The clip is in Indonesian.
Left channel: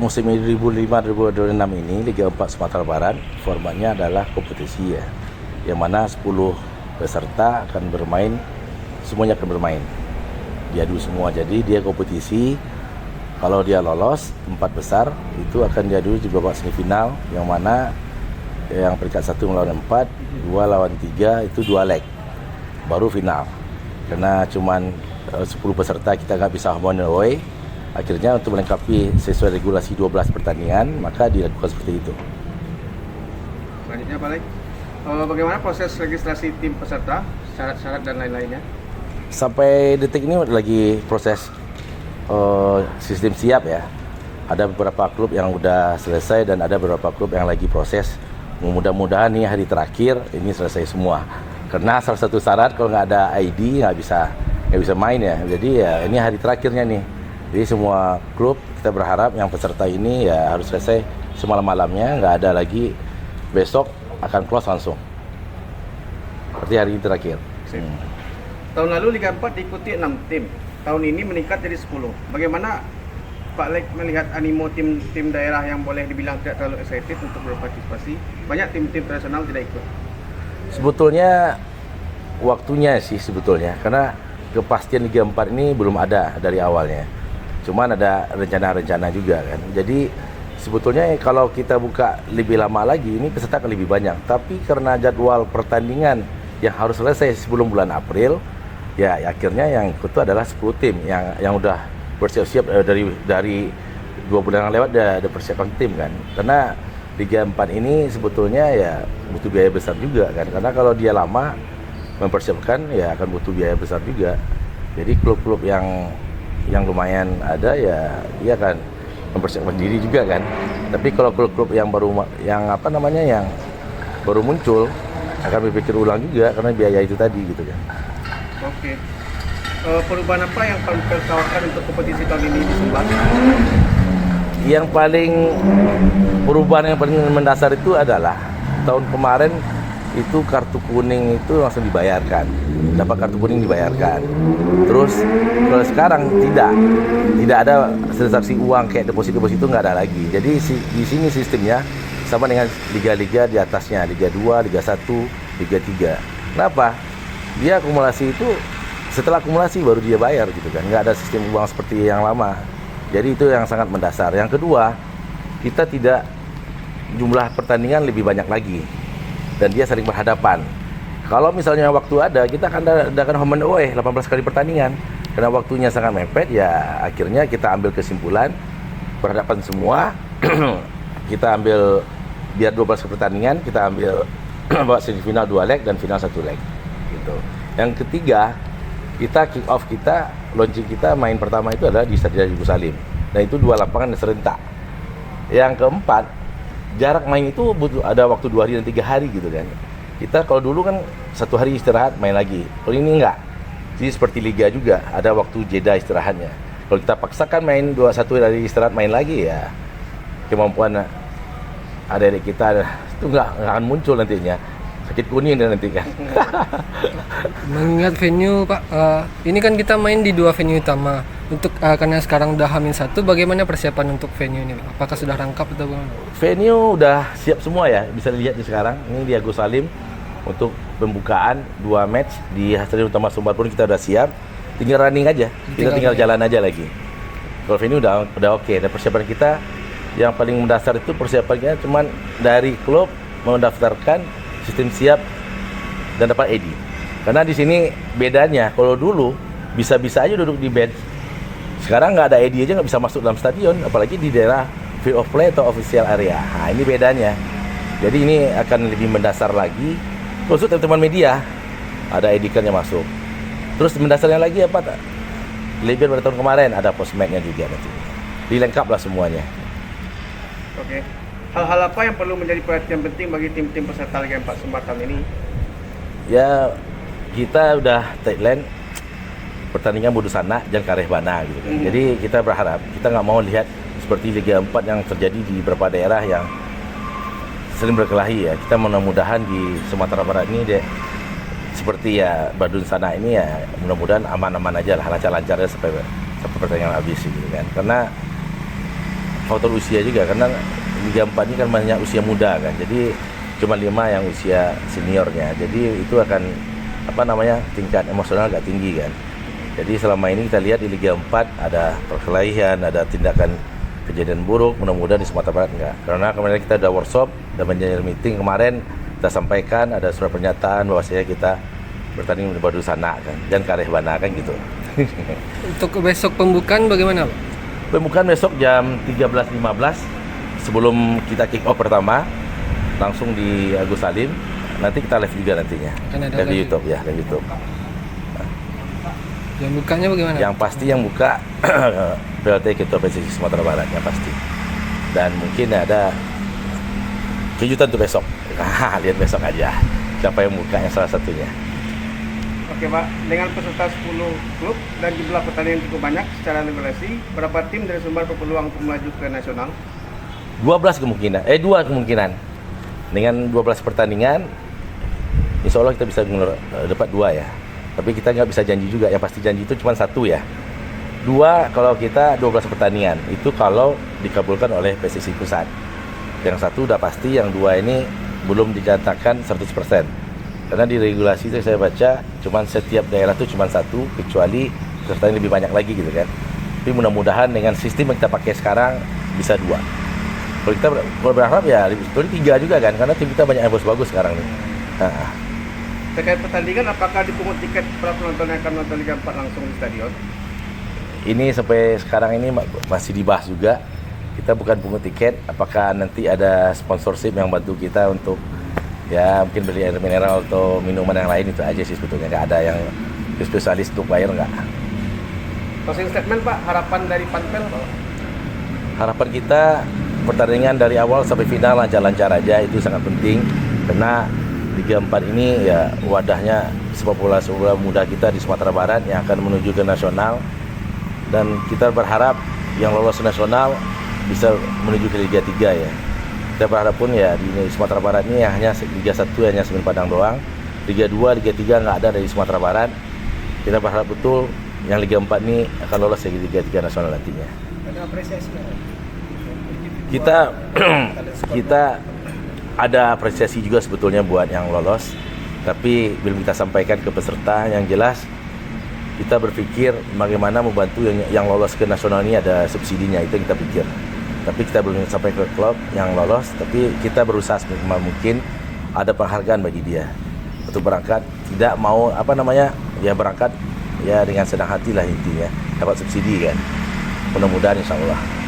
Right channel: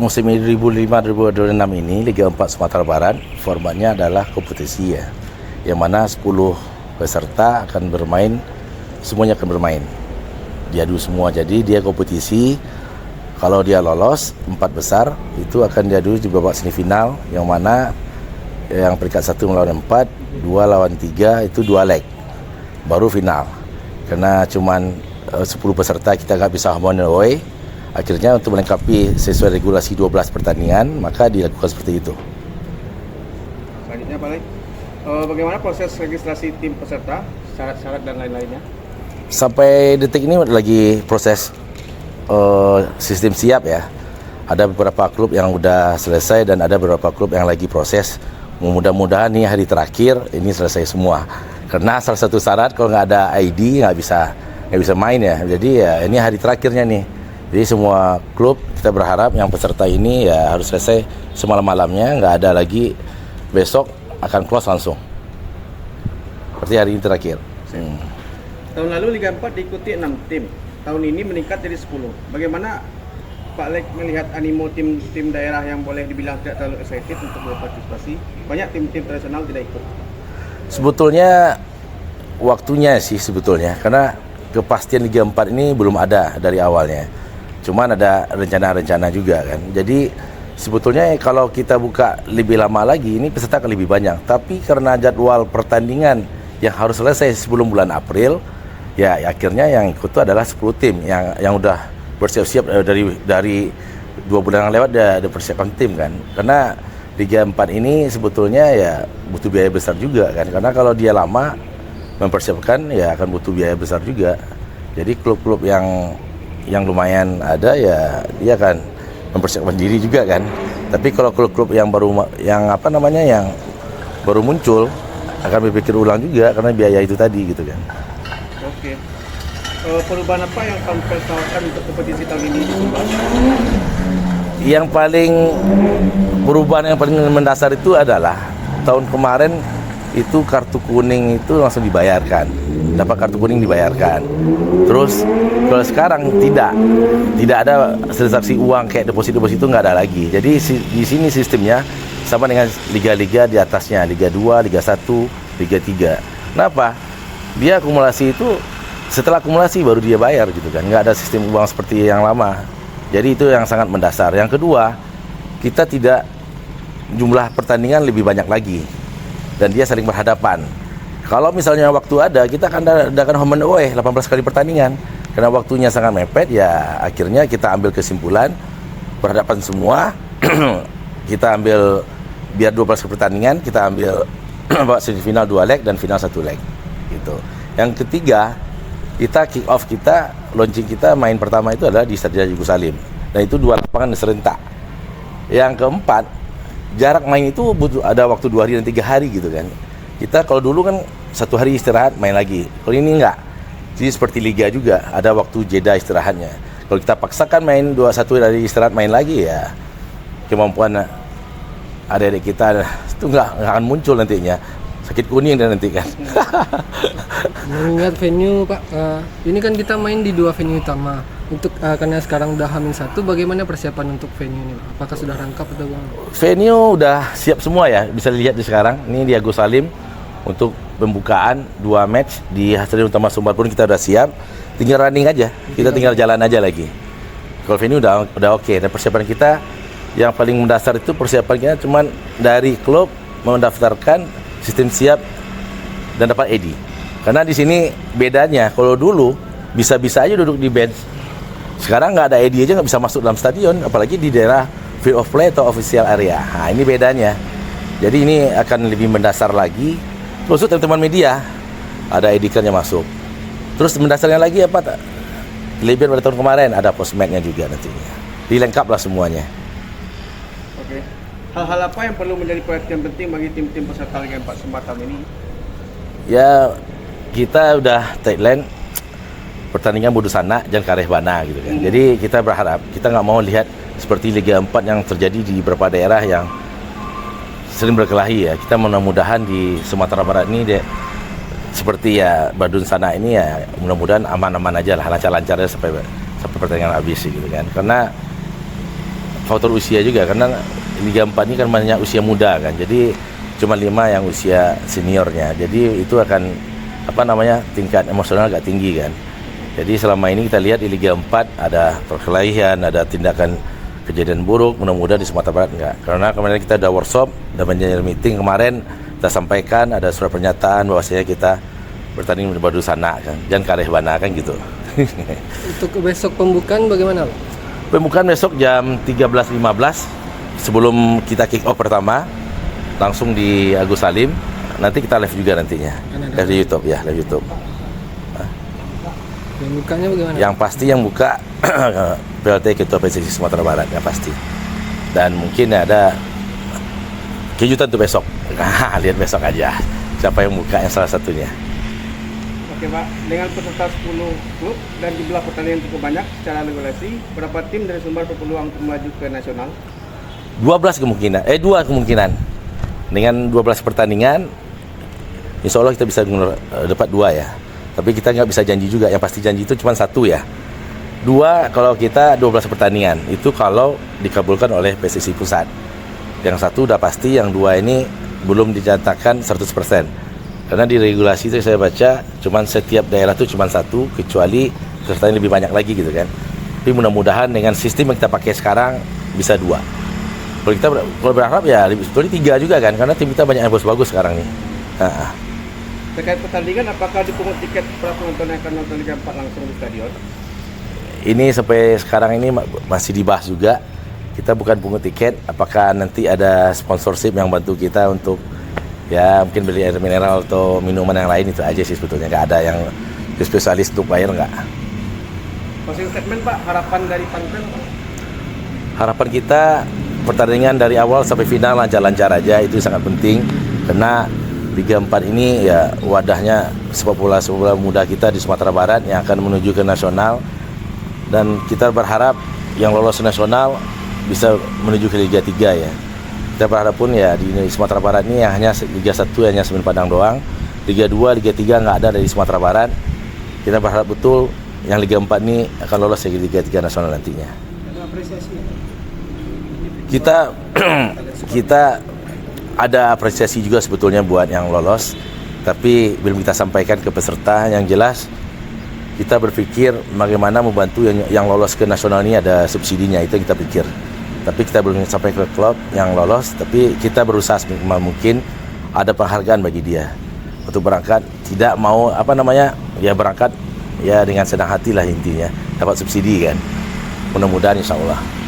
musim 2005-2006 ini Liga 4 Sumatera Barat formatnya adalah kompetisi ya, yang mana 10 peserta akan bermain, semuanya akan bermain, diadu semua. Jadi dia kompetisi, kalau dia lolos 4 besar itu akan diadu di babak semifinal, yang mana yang peringkat 1 melawan 4, 2 lawan 3 itu 2 leg, baru final. Karena cuman 10 peserta kita nggak bisa home and away, akhirnya untuk melengkapi sesuai regulasi 12 pertandingan, maka dilakukan seperti itu. Selanjutnya Pak Lek, bagaimana proses registrasi tim peserta, syarat-syarat dan lain-lainnya? Sampai detik ini lagi proses sistem siap ya. Ada beberapa klub yang udah selesai dan ada beberapa klub yang lagi proses. Mudah-mudahan nih hari terakhir ini selesai semua. Karena salah satu syarat kalau nggak ada ID nggak bisa main ya. Jadi ya ini hari terakhirnya nih. Jadi semua klub kita berharap yang peserta ini ya harus selesai semalam-malamnya, nggak ada lagi, besok akan close langsung. Seperti hari ini terakhir. Tahun lalu Liga 4 diikuti 6 tim. Tahun ini meningkat jadi 10. Bagaimana Pak Lek melihat animo tim daerah yang boleh dibilang tidak terlalu excited untuk berpartisipasi? Banyak tim-tim tradisional tidak ikut. Sebetulnya waktunya sih sebetulnya, karena kepastian Liga 4 ini belum ada dari awalnya. Cuman ada rencana-rencana juga kan. Jadi sebetulnya kalau kita buka lebih lama lagi ini peserta akan lebih banyak. Tapi karena jadwal pertandingan yang harus selesai sebelum bulan April, ya akhirnya yang ikut itu adalah 10 tim yang udah bersiap-siap dari 2 bulan yang lewat udah persiapan tim kan. Karena Liga 4 ini sebetulnya ya butuh biaya besar juga kan. Karena kalau dia lama mempersiapkan ya akan butuh biaya besar juga. Jadi klub-klub yang lumayan ada ya dia akan mempersiapkan diri juga kan. Tapi kalau klub-klub yang baru muncul akan berpikir ulang juga karena biaya itu tadi gitu kan. Oke. Perubahan apa yang kamu persoalkan untuk kompetisi tahun ini? Yang paling perubahan yang paling mendasar itu adalah tahun kemarin itu kartu kuning itu langsung dibayarkan, dapat kartu kuning dibayarkan. Terus kalau sekarang tidak ada transaksi uang kayak deposit itu nggak ada lagi. Jadi di sini sistemnya sama dengan liga-liga di atasnya, Liga 2, Liga 1, Liga 3. Kenapa? Dia akumulasi itu setelah akumulasi baru dia bayar gitu kan, nggak ada sistem uang seperti yang lama. Jadi itu yang sangat mendasar. Yang kedua, kita tidak, jumlah pertandingan lebih banyak lagi dan dia saling berhadapan. Kalau misalnya waktu ada, kita akan adakan home and away 18 kali pertandingan. Karena waktunya sangat mepet, ya akhirnya kita ambil kesimpulan berhadapan semua. Kita ambil biar 12 kali pertandingan, kita ambil semifinal 2 leg dan final 1 leg gitu. Yang ketiga, kita kick off kita, launching kita main pertama itu adalah di Stadion Yugo Salim. Nah itu 2 lapangan serentak. Yang keempat, jarak main itu butuh ada waktu 2 hari dan 3 hari gitu kan. Kita kalau dulu kan 1 hari istirahat main lagi. Kalau ini enggak. Jadi seperti liga juga ada waktu jeda istirahatnya. Kalau kita paksakan main 1 hari istirahat main lagi ya kemampuan adik-adik kita itu nggak akan muncul nantinya. Sakit kuning dan nanti kan. Mengingat venue Pak, ini kan kita main di 2 venue utama. Untuk karena sekarang udah H-1, bagaimana persiapan untuk venue ini? Apakah sudah lengkap atau bagaimana? Venue udah siap semua ya, bisa dilihat di sekarang. Ini di Agus Salim untuk pembukaan 2 match di Stadion Utama Sumbar pun kita udah siap. Tinggal running aja, kita tinggal jalan aja lagi. Kalau venue udah oke. Dan persiapan kita yang paling mendasar itu persiapan kita cuman dari klub mendaftarkan sistem siap dan dapat ID. Karena di sini bedanya, kalau dulu bisa-bisa aja duduk di bench. Sekarang nggak ada ID aja nggak bisa masuk dalam stadion, apalagi di daerah field of play atau official area. Nah ini bedanya. Jadi ini akan lebih mendasar lagi. Terus teman-teman media ada ID card-nya masuk. Terus mendasarnya lagi apa? Lebih pada tahun kemarin ada postmatnya juga nantinya. Dilengkap lah semuanya. Oke. Hal-hal apa yang perlu menjadi perhatian penting bagi tim-tim peserta Liga 4 Sumatera ini? Ya kita udah tagline pertandingan bodoh sana jangan kareh bana gitu kan. Jadi kita berharap, kita nggak mau lihat seperti Liga 4 yang terjadi di beberapa daerah yang sering berkelahi ya. Kita mudah-mudahan di Sumatera Barat ini seperti ya Badun sana ini ya mudah-mudahan aman-aman aja lah, lancar-lancar sampai pertandingan habis gitu kan. Karena faktor usia juga karena Liga 4 ini kan banyak usia muda kan. Jadi cuma 5 yang usia seniornya. Jadi itu akan tingkat emosional agak tinggi kan. Jadi selama ini kita lihat di Liga 4 ada perkelahian, ada tindakan kejadian buruk, mudah-mudahan di Sumatera Barat enggak. Karena kemarin kita ada workshop, ada manajer meeting kemarin, kita sampaikan ada surat pernyataan bahwasanya kita bertanding berbadu sana kan, dan kalih bana kan gitu. Untuk besok pembukaan bagaimana Pak? Pembukaan besok jam 13.15 sebelum kita kick off pertama langsung di Agus Salim. Nanti kita live juga nantinya. Live di YouTube ya, live YouTube. Yang bukanya bagaimana? Yang pasti yang buka PLT Ketua PSSI Sumatera Barat yang pasti. Dan mungkin ada kejutan tuh besok. Lihat besok aja siapa yang buka yang salah satunya. Oke Pak, dengan peserta 10 klub dan jumlah pertandingan cukup banyak secara regulasi, berapa tim dari Sumbar berpeluang untuk maju ke nasional? 2 kemungkinan. Dengan 12 pertandingan, insya Allah kita bisa dapat 2 ya. Tapi kita nggak bisa janji juga, yang pasti janji itu cuma 1 ya. 2 kalau kita 12 pertandingan, itu kalau dikabulkan oleh PSSI Pusat. Yang 1 udah pasti, yang 2 ini belum dinyatakan 100%. Karena di regulasi itu saya baca, cuma setiap daerah itu cuma 1, kecuali pesertanya lebih banyak lagi gitu kan. Tapi mudah-mudahan dengan sistem yang kita pakai sekarang bisa 2. Kalau berharap ya sebetulnya 3 juga kan, karena tim kita banyak yang bagus-bagus sekarang nih. Terkait pertandingan, apakah dipungut tiket para penonton yang akan nonton Liga 4 langsung di stadion? Ini sampai sekarang ini masih dibahas juga. Kita bukan pungut tiket, apakah nanti ada sponsorship yang bantu kita untuk ya mungkin beli air mineral atau minuman yang lain, itu aja sih sebetulnya. Nggak ada yang spesialis untuk air, nggak. Closing statement Pak, harapan dari Panpel Pak? Harapan kita pertandingan dari awal sampai final lancar-lancar aja, itu sangat penting. Karena Liga 4 ini ya wadahnya sepak bola muda kita di Sumatera Barat yang akan menuju ke nasional. Dan kita berharap yang lolos nasional bisa menuju ke Liga 3 ya. Kita berharap pun ya di Sumatera Barat ini ya, hanya Liga 1 hanya Semen Padang doang. Liga 2, Liga 3 nggak ada dari Sumatera Barat. Kita berharap betul yang Liga 4 ini akan lolos ke Liga 3 nasional nantinya. Kita ada apresiasi juga sebetulnya buat yang lolos, tapi belum kita sampaikan ke peserta. Yang jelas kita berpikir bagaimana membantu yang lolos ke nasional ini, ada subsidinya, itu yang kita pikir. Tapi kita belum sampai ke klub yang lolos, tapi kita berusaha semaksimal mungkin ada penghargaan bagi dia untuk berangkat. Tidak mau ya berangkat ya dengan senang hati lah intinya, dapat subsidi kan. Mudah-mudahan insya Allah.